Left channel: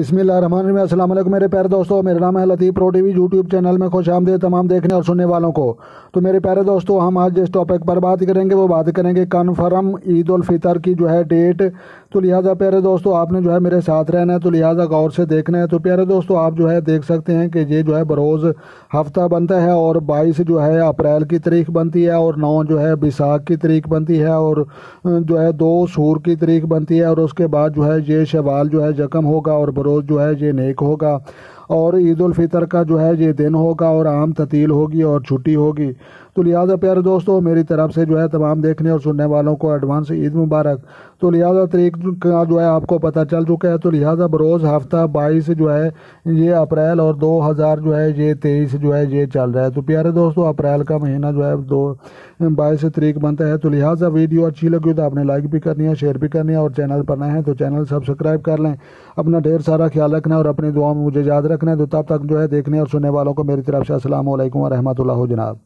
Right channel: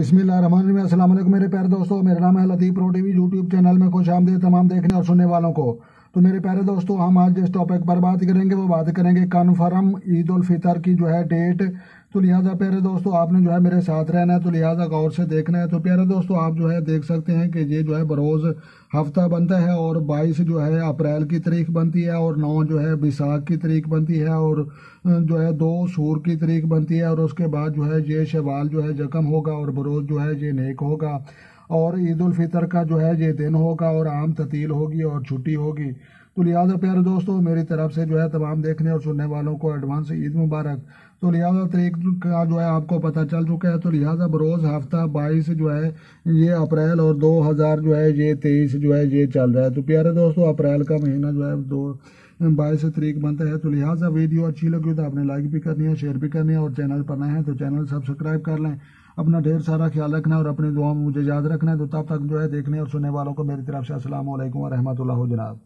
बिस्मिल्लाहिर्रहमानिर्रहीम। अस्सलाम वालेकुम मेरे प्यारे दोस्तों, मेरा नाम है लतीफ़ प्रो टीवी। यूट्यूब चैनल में खुश आमदीद तमाम देखने और सुनने वालों को। तो मेरे प्यारे दोस्तों, हम आज जिस टॉपिक पर बात करेंगे वो बात करेंगे कन्फर्म ईद उल फितर की जो है डेट। तो लिहाजा प्यारे दोस्तों, आपने जो है मेरे साथ रहना है, तो लिहाजा गौर से देखना है। तो प्यारे दोस्तों, आप जो है देख सकते हैं कि ये जो है बरोज़ हफ्ता बनता है और 22 जो है अप्रैल की तारीख बनती है और 9 जो है बैसाख की तारीख बनती है और जो है 2 सूर की तारीख बनती है और उसके बाद जो है ये शवाल जो है जकम होगा और बरोज़ जो है ये नेक होगा और ईद उल फितर का जो है ये दिन होगा और आम ततील होगी और छुट्टी होगी। तो लिहाजा प्यारे दोस्तों, मेरी तरफ से जो है तमाम देखने और सुनने वालों को एडवांस ईद मुबारक। तो लिहाजा तारीख का जो है आपको पता चल चुका है। तो लिहाजा बरोज़ हफ्ता 22 जो है ये अप्रैल और 2000 जो है ये 23 जो है ये चल रहा है। तो प्यारे दोस्तों, अप्रैल का महीना जो है 22 तारीख बनता है। तो लिहाजा वीडियो अच्छी लगी तो आपने लाइक भी करनी है, शेयर भी करनी है और चैनल पर नए हैं तो चैनल सब्सक्राइब कर लें। अपना ढेर सारा ख्याल रखना है और अपनी दुआ में मुझे याद रखना है। तो तब तक जो है देखने और सुनने वालों को मेरी तरफ से अस्सलाम वालेकुम व रहमतुल्लाह जनाब।